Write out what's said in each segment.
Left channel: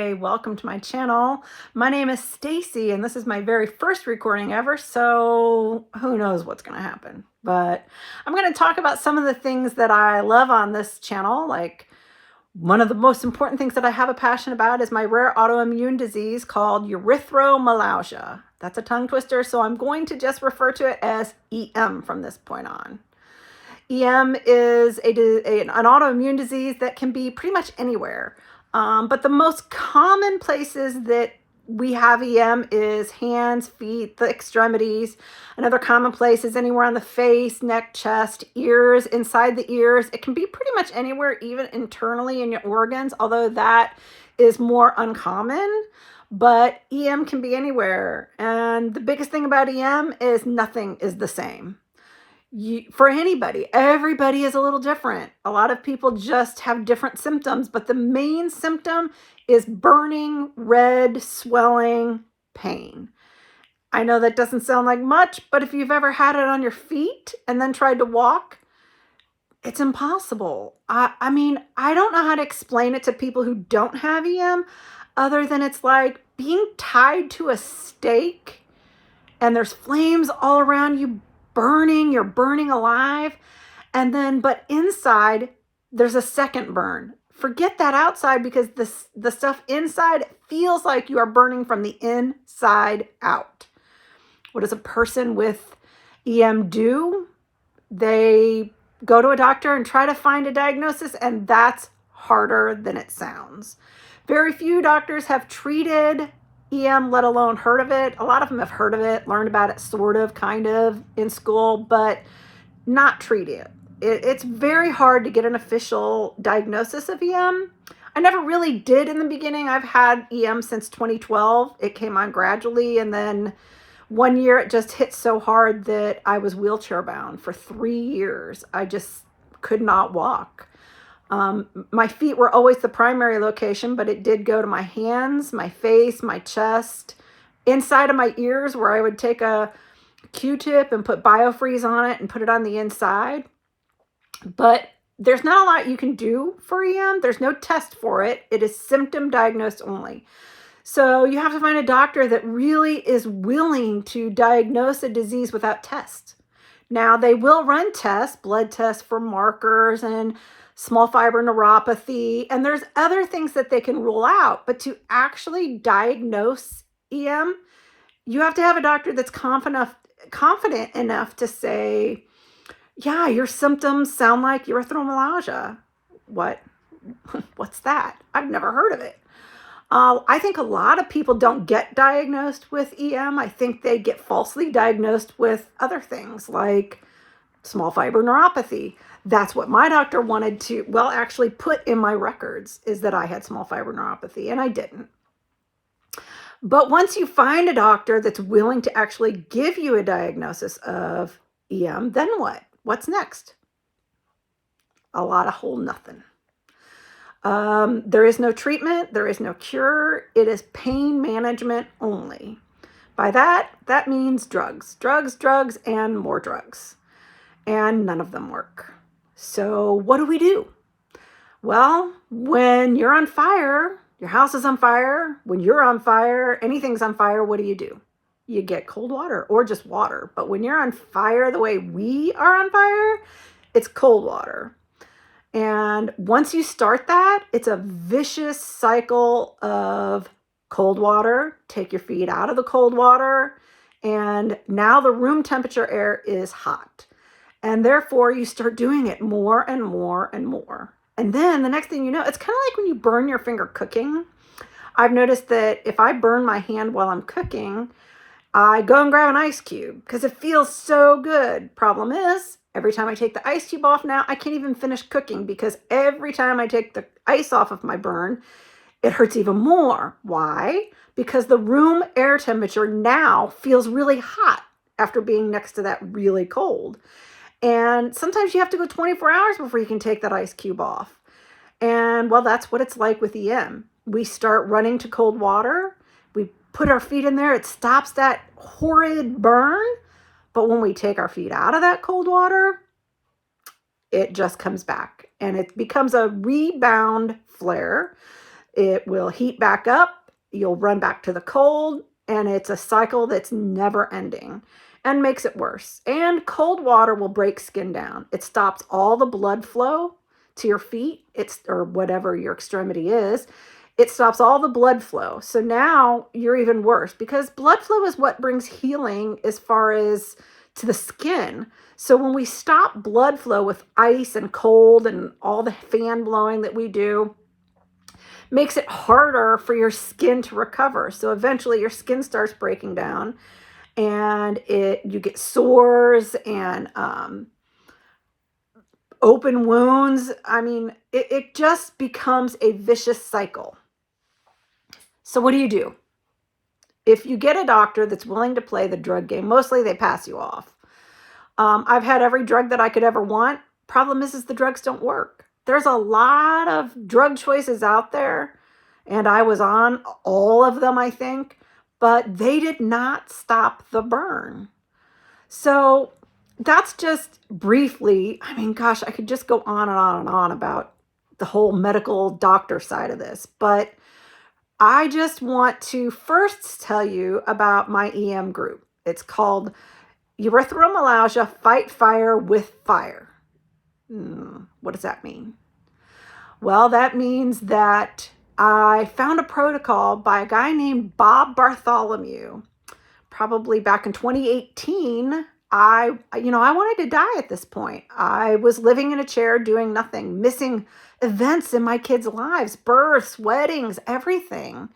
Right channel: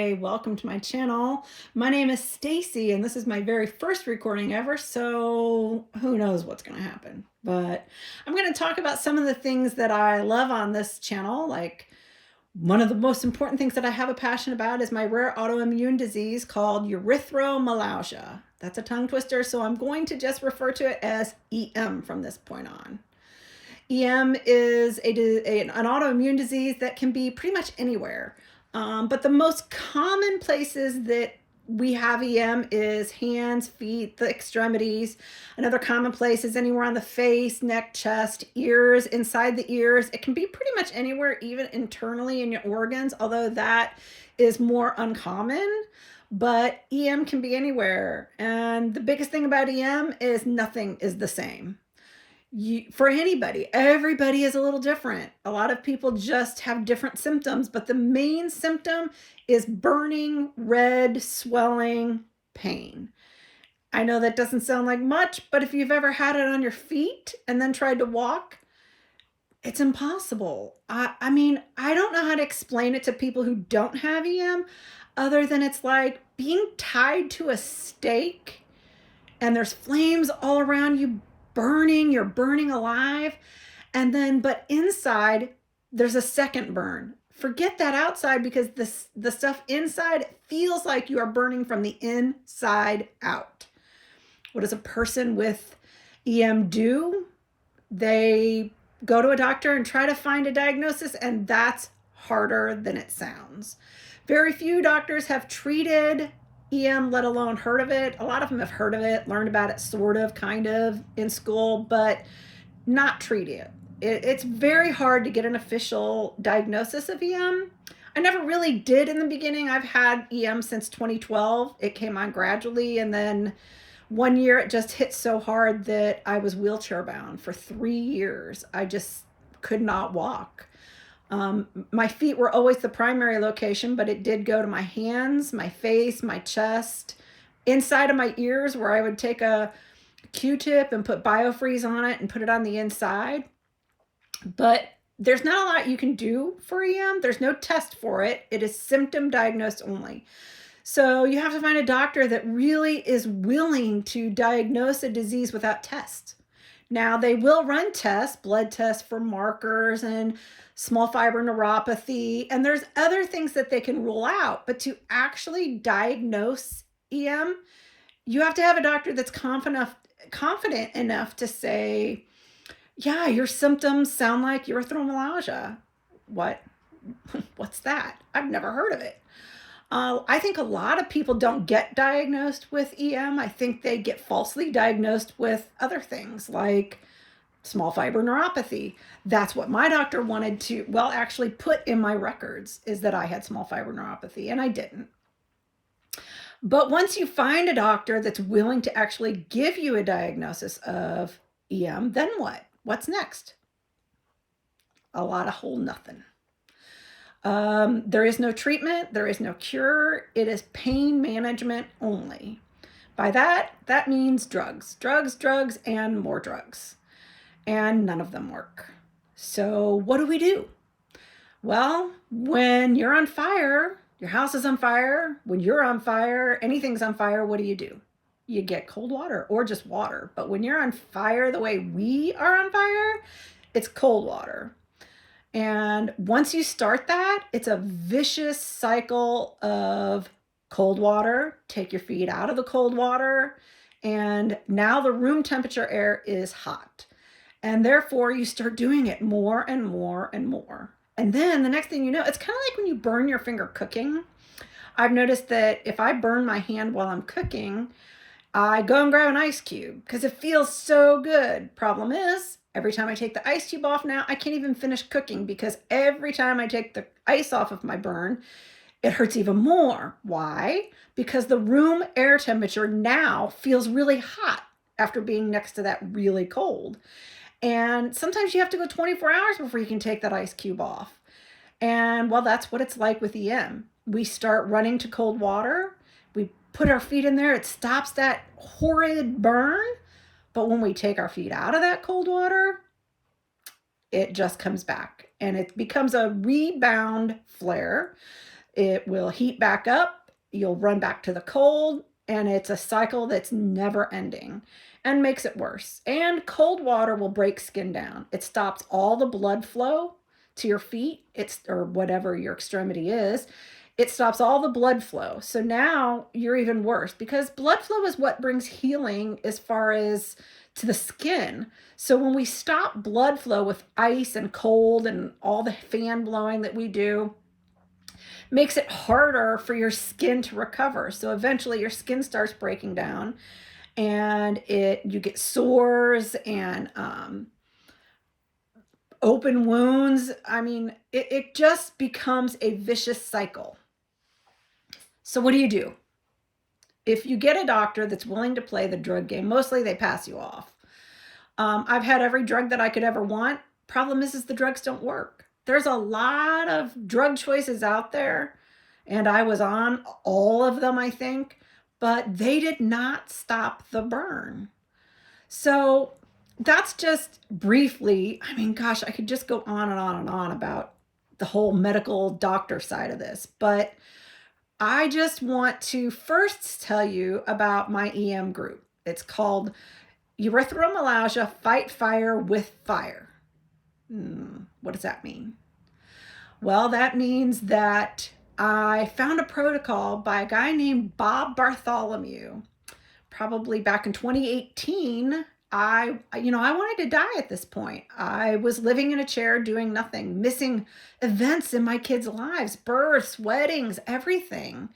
Hi, welcome to my channel. My name is Stacy and this is my very first recording ever, so who knows what's going to happen. But I'm going to talk about some of the things that I love on this channel. Like, one of the most important things that I have a passion about is my rare autoimmune disease called Erythromelagia. That's a tongue twister, so I'm going to just refer to it as EM from this point on. EM is an autoimmune disease that can be pretty much anywhere. But the most common places that we have EM is hands, feet, the extremities. Another common place is anywhere on the face, neck, chest, ears, inside the ears. It can be pretty much anywhere, even internally in your organs, although that is more uncommon. But EM can be anywhere. And the biggest thing about EM is nothing is the same. For anybody, everybody is a little different. A lot of people just have different symptoms, but the main symptom is burning, red, swelling, pain. I know that doesn't sound like much, but if you've ever had it on your feet and then tried to walk, it's impossible. I mean, I don't know how to explain it to people who don't have EM, other than it's like being tied to a stake and there's flames all around you, burning, you're burning alive. And then, but inside, there's a second burn. Forget that outside, because the stuff inside feels like you are burning from the inside out. What does a person with EM do? They go to a doctor and try to find a diagnosis, and that's harder than it sounds. Very few doctors have treated EM, let alone heard of it. A lot of them have heard of it, learned about it sort of, kind of in school, but not treat it. It's very hard to get an official diagnosis of EM. I never really did in the beginning. I've had EM since 2012. It came on gradually, and then one year it just hit so hard that I was wheelchair bound for 3 years. I just could not walk. My feet were always the primary location, but it did go to my hands, my face, my chest, inside of my ears, where I would take a Q-tip and put biofreeze on it and put it on the inside. But there's not a lot you can do for EM. There's no test for it. It is symptom diagnosed only. So you have to find a doctor that really is willing to diagnose a disease without tests. Now, they will run tests, blood tests for markers and small fiber neuropathy, and there's other things that they can rule out. But to actually diagnose EM, you have to have a doctor that's confident enough to say, yeah, your symptoms sound like erythromelagia. What's that? I've never heard of it. I think a lot of people don't get diagnosed with EM. I think they get falsely diagnosed with other things like small fiber neuropathy. That's what my doctor wanted to, well, actually put in my records, is that I had small fiber neuropathy, and I didn't. But once you find a doctor that's willing to actually give you a diagnosis of EM, then what? What's next? A lot of whole nothing. There is no treatment. There is no cure. It is pain management only. By that means drugs, and more drugs. And none of them work. So what do we do? Well, when you're on fire, your house is on fire, when you're on fire, anything's on fire, what do? You get cold water or just water. But when you're on fire the way we are on fire, it's cold water. And once you start that, it's a vicious cycle of cold water. Take your feet out of the cold water, and now the room temperature air is hot. And therefore, you start doing it more and more and more. And then the next thing you know, it's kind of like when you burn your finger cooking. I've noticed that if I burn my hand while I'm cooking, I go and grab an ice cube because it feels so good. Problem is, every time I take the ice cube off now, I can't even finish cooking, because every time I take the ice off of my burn, it hurts even more. Why? Because the room air temperature now feels really hot after being next to that really cold. And sometimes you have to go 24 hours before you can take that ice cube off. And well, that's what it's like with EM. We start running to cold water. We put our feet in there. It stops that horrid burn. But when we take our feet out of that cold water, it just comes back, and it becomes a rebound flare. it will heat back up, you'll run back to the cold, and it's a cycle that's never ending and makes it worse. And cold water will break skin down. It stops all the blood flow to your feet, or whatever your extremity is. It stops all the blood flow. So now you're even worse, because blood flow is what brings healing as far as to the skin. So when we stop blood flow with ice and cold and all the fan blowing that we do, makes it harder for your skin to recover. So eventually your skin starts breaking down, and you get sores and open wounds. I mean, it just becomes a vicious cycle. So what do? If you get a doctor that's willing to play the drug game, mostly they pass you off. I've had every drug that I could ever want. Problem is the drugs don't work. There's a lot of drug choices out there, and I was on all of them, I think, but they did not stop the burn. So that's just briefly, I mean, gosh, I could just go on and on and on about the whole medical doctor side of this, but I just want to first tell you about my EM group. It's called Erythromelagia, Fight Fire with Fire. What does that mean? Well, that means that I found a protocol by a guy named Bob Bartholomew, probably back in 2018. I wanted to die at this point. I was living in a chair doing nothing, missing events in my kids' lives, births, weddings, everything.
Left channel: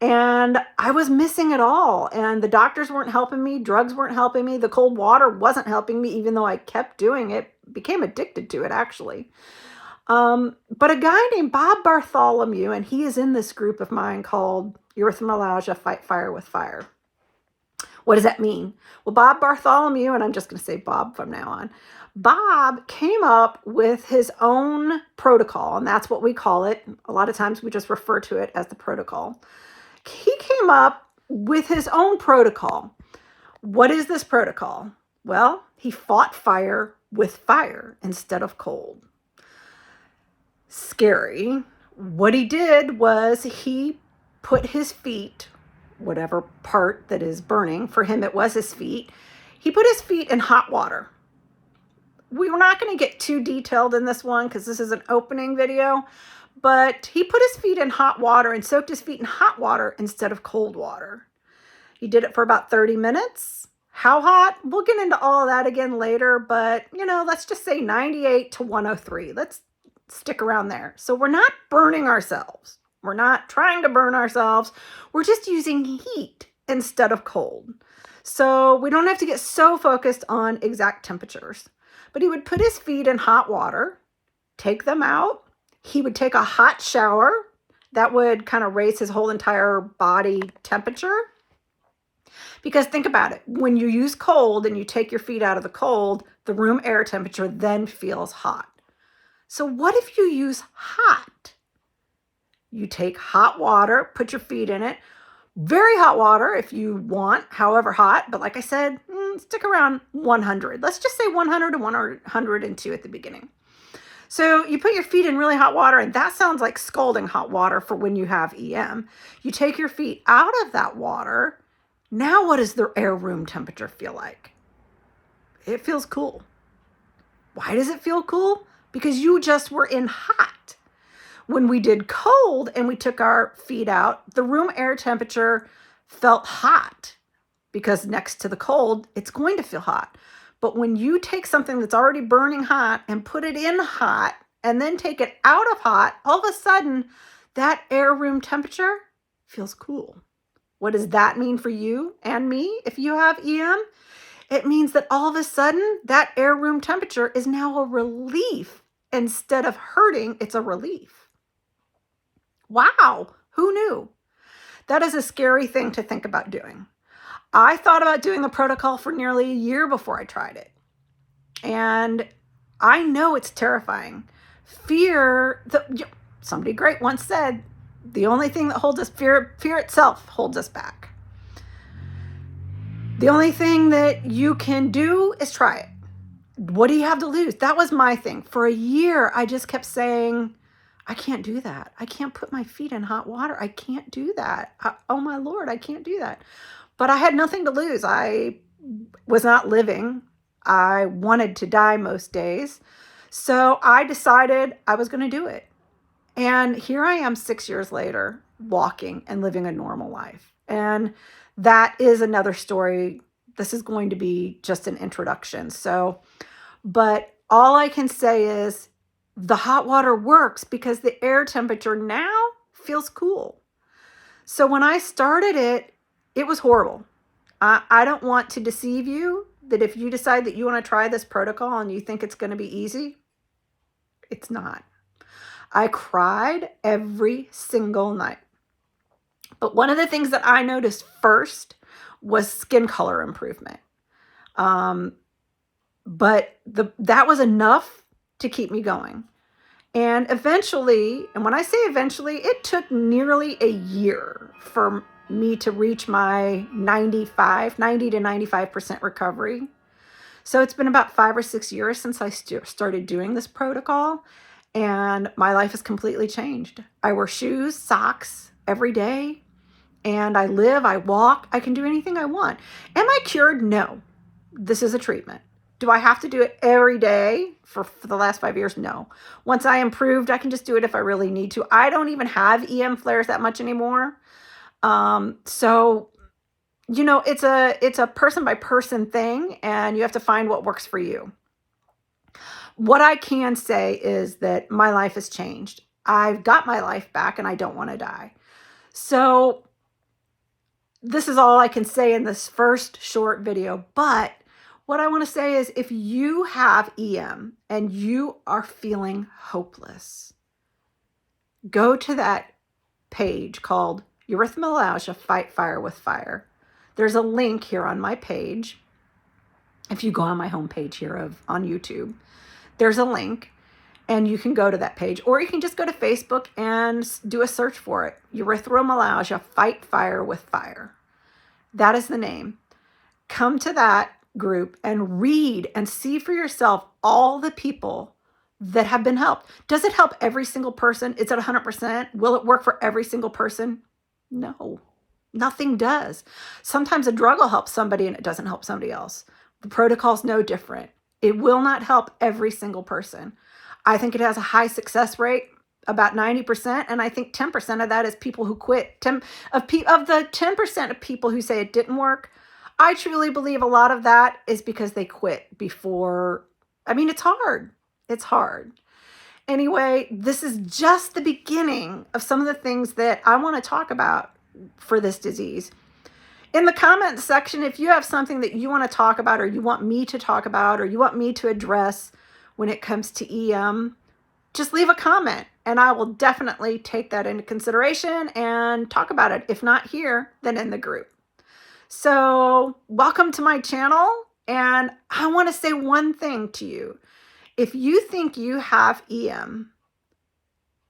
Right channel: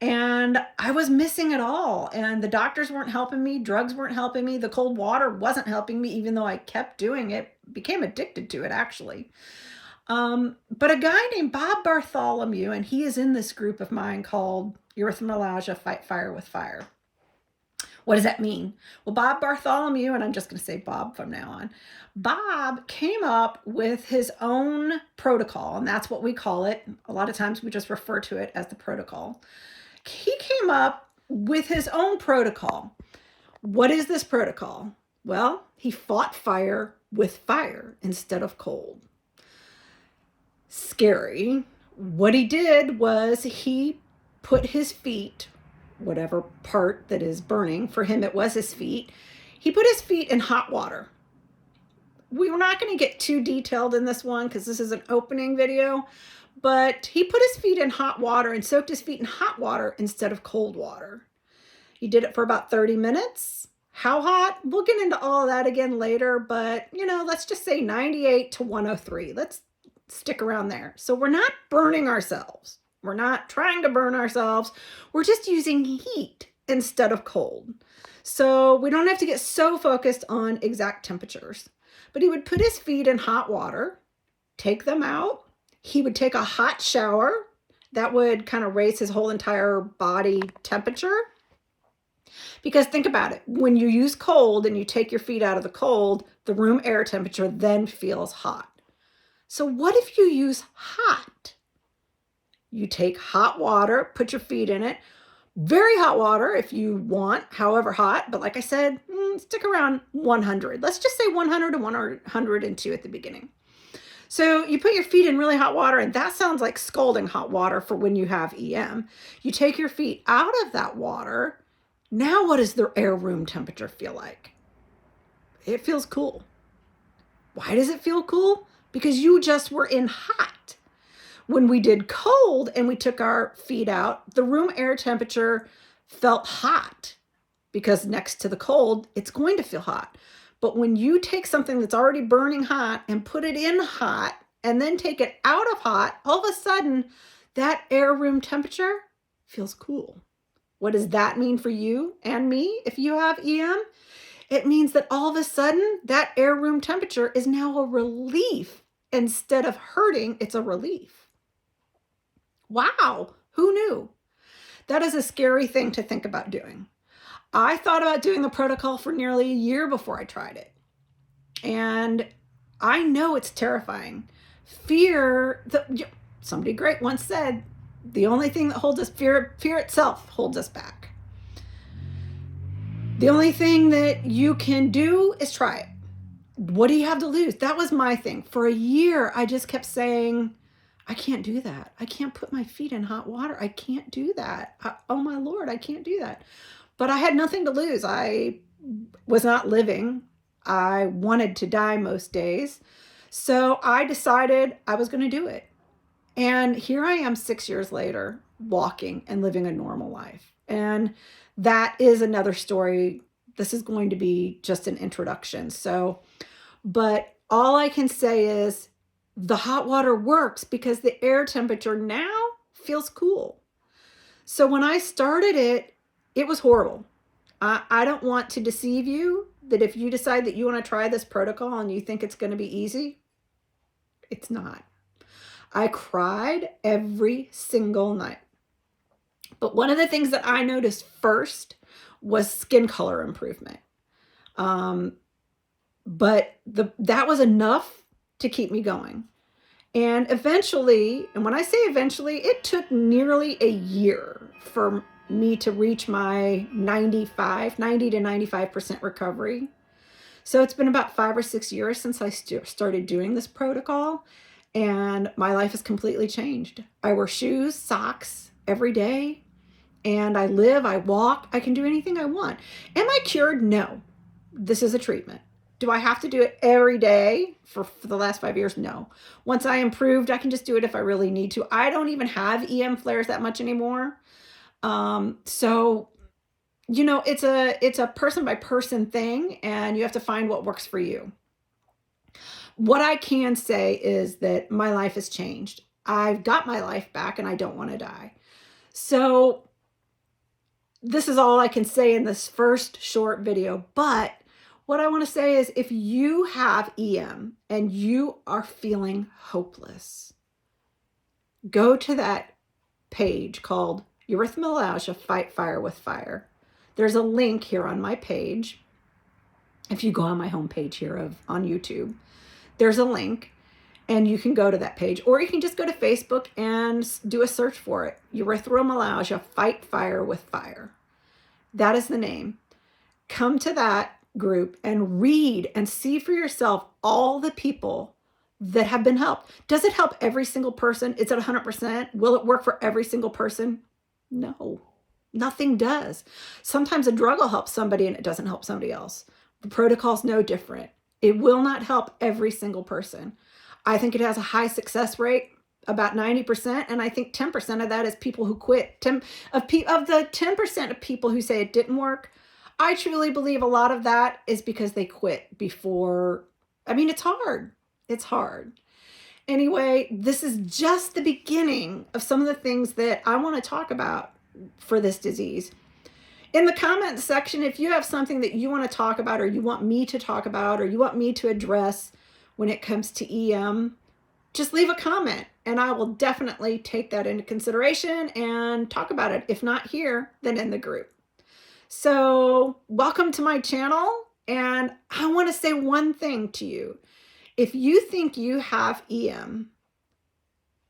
And I was missing it all. And the doctors weren't helping me. Drugs weren't helping me. The cold water wasn't helping me, even though I kept doing it. Became addicted to it, actually. But a guy named Bob Bartholomew, and he is in this group of mine called Erythromelagia, Fight Fire with Fire. What does that mean? Well, Bob Bartholomew, and I'm just going to say Bob from now on, Bob came up with his own protocol, and that's what we call it. A lot of times we just refer to it as the protocol. He came up with his own protocol. What is this protocol? Well, he fought fire with fire instead of cold. Scary. What he did was he put his feet, whatever part that is burning, for him it was his feet, he put his feet in hot water. We're not going to get too detailed in this one because this is an opening video, but he put his feet in hot water and soaked his feet in hot water instead of cold water. He did it for about 30 minutes. How hot? We'll get into all of that again later, but let's just say 98 to 103. Let's stick around there. So we're not burning ourselves. We're not trying to burn ourselves. We're just using heat instead of cold. So we don't have to get so focused on exact temperatures. But he would put his feet in hot water, take them out. He would take a hot shower. That would kind of raise his whole entire body temperature. Because think about it. When you use cold and you take your feet out of the cold, the room air temperature then feels hot. So what if you use hot? You take hot water, put your feet in it. Very hot water if you want, however hot. But like I said, stick around 100. Let's just say 100 to 102 at the beginning. So you put your feet in really hot water, and that sounds like scalding hot water for when you have EM. You take your feet out of that water. Now what does the air room temperature feel like? It feels cool. Why does it feel cool? Because you just were in hot. When we did cold and we took our feet out, the room air temperature felt hot because next to the cold, it's going to feel hot. But when you take something that's already burning hot and put it in hot and then take it out of hot, all of a sudden that air room temperature feels cool. What does that mean for you and me if you have EM? It means that all of a sudden that air room temperature is now a relief. Instead of hurting, it's a relief. Wow, who knew? That is a scary thing to think about doing. I thought about doing the protocol for nearly a year before I tried it. And I know it's terrifying. Somebody great once said, the only thing that holds us, fear itself holds us back. The only thing that you can do is try it. What do you have to lose? That was my thing. For a year, I just kept saying, I can't do that. I can't put my feet in hot water. I can't do that. Oh my Lord, I can't do that. But I had nothing to lose. I was not living. I wanted to die most days. So I decided I was going to do it. And here I am 6 years later, walking and living a normal life. And that is another story. This is going to be just an introduction. But all I can say is the hot water works because the air temperature now feels cool. So when I started it, it was horrible. I don't want to deceive you that if you decide that you want to try this protocol and you think it's going to be easy, it's not. I cried every single night. But one of the things that I noticed first was skin color improvement. But that was enough to keep me going. And eventually, and when I say eventually, it took nearly a year for me to reach my 90 to 95% recovery. So it's been about 5 or 6 years since I started doing this protocol, and my life has completely changed. I wear shoes, socks every day, and I live, I walk, I can do anything I want. Am I cured? No. This is a treatment. Do I have to do it every day for the last 5 years? No. Once I improved, I can just do it if I really need to. I don't even have EM flares that much anymore. So, you know, it's a person by person thing, and you have to find what works for you. What I can say is that my life has changed. I've got my life back and I don't want to die. So this is all I can say in this first short video, but what I want to say is if you have EM and you are feeling hopeless, go to that page called Erythromelalgia, Fight Fire with Fire. There's a link here on my page. If you go on my homepage here on YouTube, there's a link and you can go to that page, or you can just go to Facebook and do a search for it. Erythromelagia, Fight Fire with Fire. That is the name. Come to that group and read and see for yourself all the people that have been helped. Does it help every single person? It's at 100%. Will it work for every single person? No, nothing does. Sometimes a drug will help somebody and it doesn't help somebody else. The protocol's no different. It will not help every single person. I think it has a high success rate, about 90%, and I think 10% of that is people who quit. Of the 10% of people who say it didn't work, I truly believe a lot of that is because they quit before. I mean, it's hard. It's hard. Anyway, this is just the beginning of some of the things that I want to talk about for this disease. In the comments section, if you have something that you want to talk about, or you want me to talk about, or you want me to address when it comes to EM, just leave a comment and I will definitely take that into consideration and talk about it. If not here, then in the group. So welcome to my channel, and I want to say one thing to you. If you think you have EM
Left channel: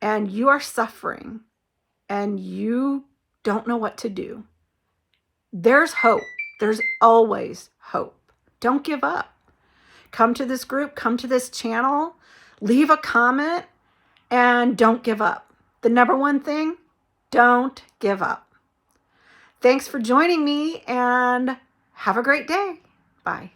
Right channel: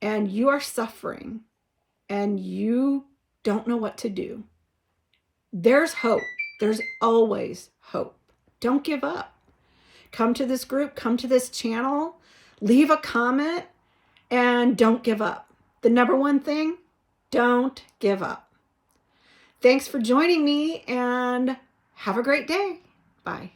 and you are suffering and you don't know what to do, there's hope. There's always hope. Don't give up. Come to this group, come to this channel, leave a comment, and don't give up. The number one thing, don't give up. Thanks for joining me, and have a great day. Bye.